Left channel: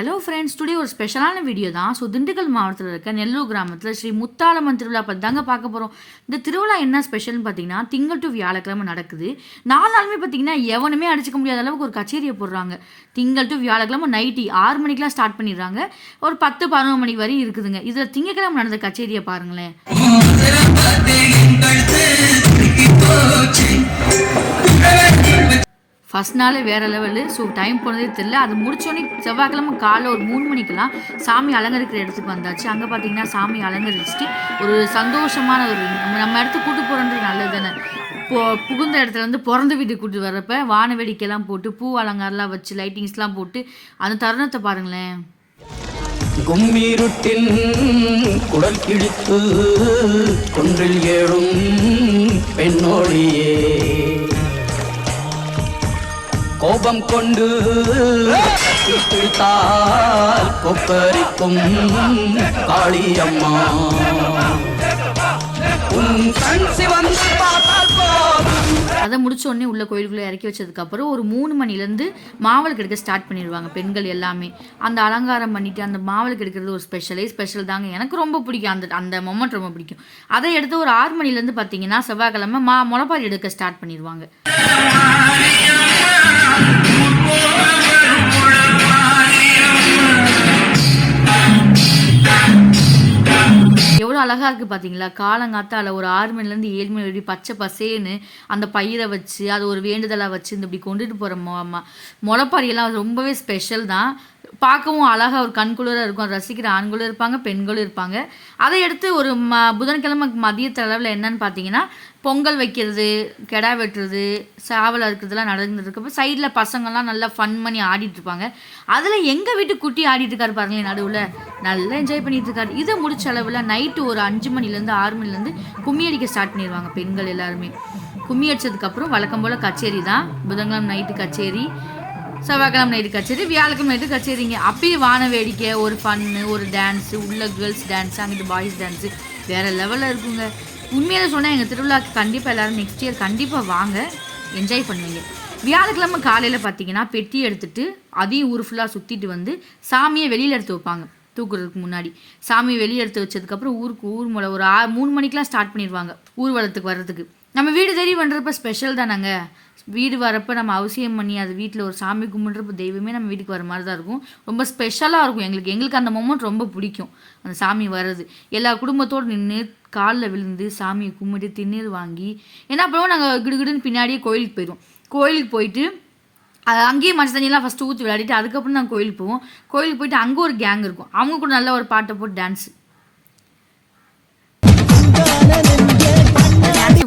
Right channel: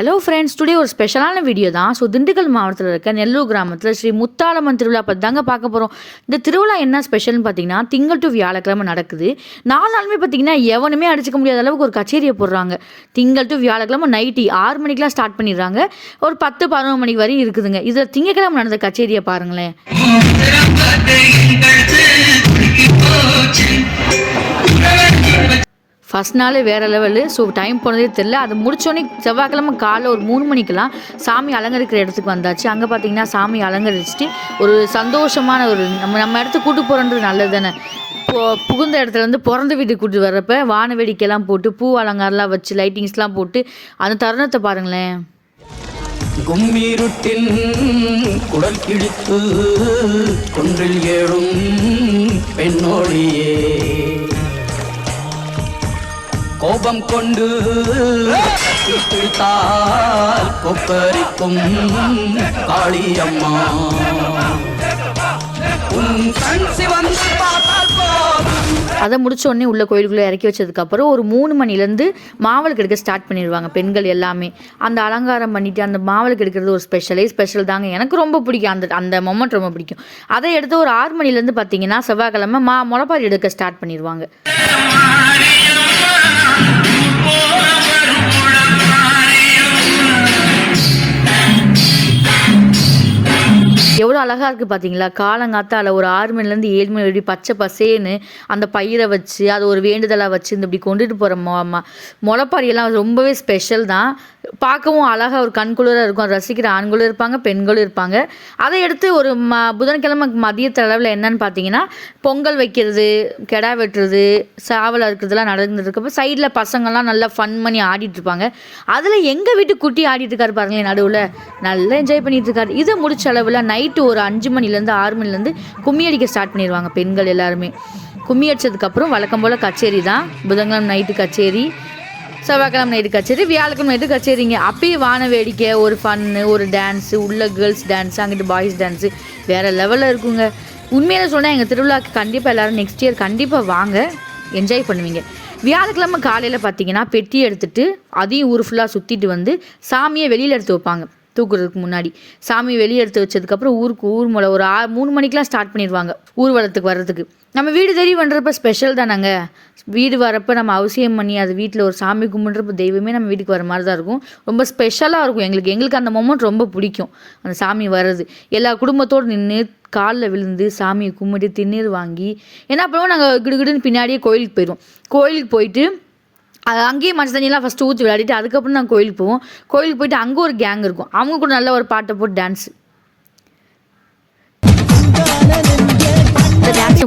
Hello friends, today ஒரு ஸ்பெஷலான video தான். திண்டுக்கல் மாவட்டத்தில் இருக்க நெல்லூர் கிராமத்தில் ஸ்ரீ முத்தாலம்மன் திருவிழா பற்றி தாங்க பார்க்க போகிறோம். இந்த திருவிழா என்ன ஸ்பெஷல்னு பார்த்தீங்கன்னா, திங்கள் டு வியாழக்கிழமை நடக்குது. 4 நாளுமே பார்த்தீங்கன்னா எவனுமே அடிச்சுக்க முடியாத அளவுக்கு ஒரு கச்சேரியை போடுறாங்க. திங்கள் டு வியாழக்கிழமை நைட்டு 6 மணிக்கெலாம் ஸ்டார்ட் பண்ணிடுறாங்க. ஒரு 10-11 மணிக்கு வரையும் இருக்குதுங்க. இதில் திங்கக்கிழமை நடந்த கச்சேரியை பாருங்களேன். ஃபஸ்ட் நாள் வேறு லெவலு. டைம் போனதே தெரில. அது முடிச்சோடனே செவ்வாய்க்கிழமை காலைல ஒரு 3 மணிக்கெலாம் சாமி அலங்கரிக்கிற இடத்துக்கு வந்தாச்சு. அங்கே பார்த்தீங்கன்னா சாமி அலங்கரிச்சுட்டு ஒரு சந்தோஷமான ஒரு நம்ம இடத்துக்கு கூட்டு போகிறன்றது நல்லது தானே. புகுந்த இடத்துலேருந்து பிறந்த வீட்டுக்கு கூட்டு வர்றப்ப வான வேடிக்கைலாம் போட்டு பூ அலங்காரம்லாம் வச்சு லைட்டிங்ஸ்லாம் போட்டு அந்த தருணத்தை பாருங்களேன். கும்மீருட்டின் குடல் கிழித்து கொன்றில் ஏழும் பெண்ணோடியே கோபம் கொண்டு பிடித்தால் கொப்பரிக்கும் காளியம்மா அதை முடிச்ச உடனே உள்ள கோயிலுக்குள்ளே இறக்கி வச்சதுக்கப்புறம் ஒரு 3 மணிலேருந்து மாவளுக்கு எடுக்க ஸ்டார்ட் பண்ணிடுவாங்க பெண்கள் எல்லாமே. அந்த அலங்காரம் பண்ணிவிட்டு அந்த மாவளுக்கு எடுக்கிறது ஒரு ஸ்பெஷல் தாங்க. எனக்கு ரொம்ப பிடிக்கும். அந்த மொமெண்ட் ரொம்ப பிடிக்கும். அதை எடுத்து ஒரு 6 மணிலேருந்து பார்த்தீங்கன்னா செவ்வாய்க்கிழமை முளைப்பாரி எடுக்க ஸ்டார்ட் பண்ணிடுவாங்க. எவ்வளோ அழகாக இருக்குது பார்த்தீங்களா. காலங்காத்தால் ஒரு 6 மணிலேருந்து 7 மணி வரைக்கும் பச்சை பசேன்னு அந்த பயிரை வச்சு அதை ஒரு வேண்டுதலாக வச்சு இந்த இப்படி கொண்டுட்டு போகிற முளைப்பாரியெல்லாம் ரொம்பவே ஸ்பெஷல் தான். பார்க்கவும் அழகாக ஒரு கண்குளிராக இருக்கும். அதை ரசிக்கிற ஆண்களும் இருப்பாங்க, பெண்களும் இருப்பாங்க. அதை எடுத்து ஒரு புதன்கிழமை மதியத்தளவில் என்னன்னு பார்த்தீங்கன்னா பொங்கல் வைக்கிறது, கெடா வெட்டுறது, சாவல் இருக்கிறதுலாம் நடந்துட்டு இருக்கப்போ சைடில் பசங்கள்லாம் நல்லா ஃபன் பண்ணி ஆடிட்டுருப்பாங்க. அதில் எங்கள் வீட்டு குட்டி ஆடிட்டு இருக்காரு பாருங்களேன், நடுவில் நல்லா என்ஜாய் பண்ணிட்டு இருக்காரு. இது முடிச்ச அளவில் நைட்டு ஒரு 5 மணிலேருந்து 6 மணிலேருந்து கும்மி அடிக்க ஸ்டார்ட் பண்ணிடுவாங்க பெண்கள் எல்லாருமே. கும்மி அடித்ததுக்கப்புறம் வழக்கம் போல் கச்சேரி தான். புதன்கிழமை நைட்டு கச்சேரி, செவ்வாய்க்கிழமை நைட்டு கச்சேரி, வியாழக்கிழமை நைட்டு கச்சேரிங்க. அப்பயே வான வேடிக்கை, ஒரு ஃபன்னு, ஒரு டான்ஸு, உள்ள கேர்ள்ஸ் டான்ஸு, அங்கிட்டு பாய்ஸ் டான்ஸு வேறு லெவலில் இருக்குங்க. உண்மையில சொன்னால் எங்கள் திருவிழாவுக்கு கண்டிப்பாக எல்லோரும் நெக்ஸ்ட் இயர் கண்டிப்பாக வாங்க, என்ஜாய் பண்ணுவீங்க. வியாழக்கிழமை காலையில் பார்த்தீங்கன்னா பெட்டி எடுத்துகிட்டு அதையும் ஊர் ஃபுல்லாக சுற்றிட்டு வந்து சாமியை வெளியில் எடுத்து வைப்பாங்க. தூக்குறதுக்கு முன்னாடி சாமி வெளியே எடுத்து வச்சதுக்கப்புறம் ஊர் மூலம் ஒரு 3 மணிக்கெலாம் ஸ்டார்ட் பண்ணிடுவாங்க ஊர்வலத்துக்கு வர்றதுக்கு. நம்ம வீடு தேடி பண்ணுறப்ப ஸ்பெஷல் தானாங்க. வீடு வரப்போ நம்ம அவசியம் பண்ணி அது வீட்டில் ஒரு சாமி கும்பிட்றப்ப தெய்வமே நம்ம வீட்டுக்கு வர மாதிரி தான் இருக்கும். ரொம்ப ஸ்பெஷலாக இருக்கும் எங்களுக்கு அந்த மொமெண்ட் ரொம்ப பிடிக்கும். அந்த சாமி வர்றது எல்லா குடும்பத்தோடு நின்று காலில் விழுந்து சாமியை கும்பிட்டு திண்ணீர் வாங்கி என்ன பண்ணுவோம், நாங்கள் கிடுகிடுன்னு பின்னாடியே கோயிலுக்கு போயிடுவோம். கோயிலுக்கு போயிட்டு அங்கேயே மஞ்சள் தண்ணியெல்லாம் ஃபஸ்ட்டு ஊற்றி விளையாடிட்டு அதுக்கப்புறம் நாங்கள் கோயிலுக்கு போவோம். கோயிலுக்கு போயிட்டு அங்கே ஒரு கேங் இருக்கும். அவங்க கூட நல்ல ஒரு பாட்டை போட்டு டான்ஸு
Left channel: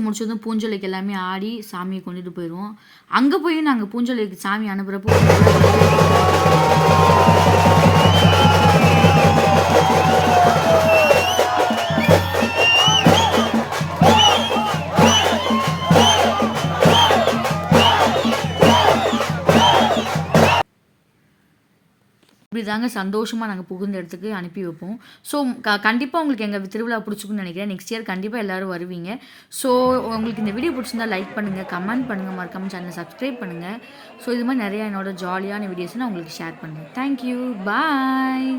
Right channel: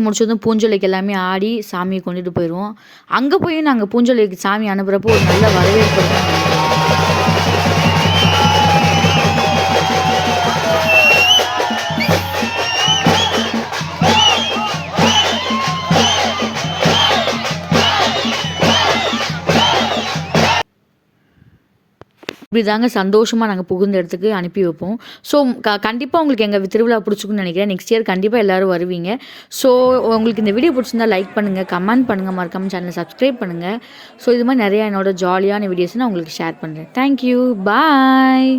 முடிச்சதும் பூஞ்சொலைக்கு எல்லாமே ஆடி சாமியை கொண்டுட்டு போயிடுவோம். அங்கே போய் நாங்கள் பூஞ்சொலைக்கு சாமி அனுப்புகிறப்போ ஒரு நல்ல வரவேற்பு. இப்படி தாங்க சந்தோஷமாக நாங்கள் புகுந்த இடத்துக்கு அனுப்பி வைப்போம். ஸோ கண்டிப்பாக உங்களுக்கு எங்கள் திருவிழா பிடிச்சிக்குன்னு நினைக்கிறேன். நெக்ஸ்ட் இயர் கண்டிப்பாக எல்லோரும் வருவீங்க. ஸோ உங்களுக்கு இந்த வீடியோ பிடிச்சிருந்தா லைக் பண்ணுங்கள், கமெண்ட் பண்ணுங்கள், மறக்காமல் சேனலை சப்ஸ்கிரைப் பண்ணுங்கள். ஸோ இது மாதிரி நிறையா என்னோட ஜாலியான வீடியோஸ் நான் உங்களுக்கு ஷேர் பண்ணுறேன். தேங்க்யூ, பாய்.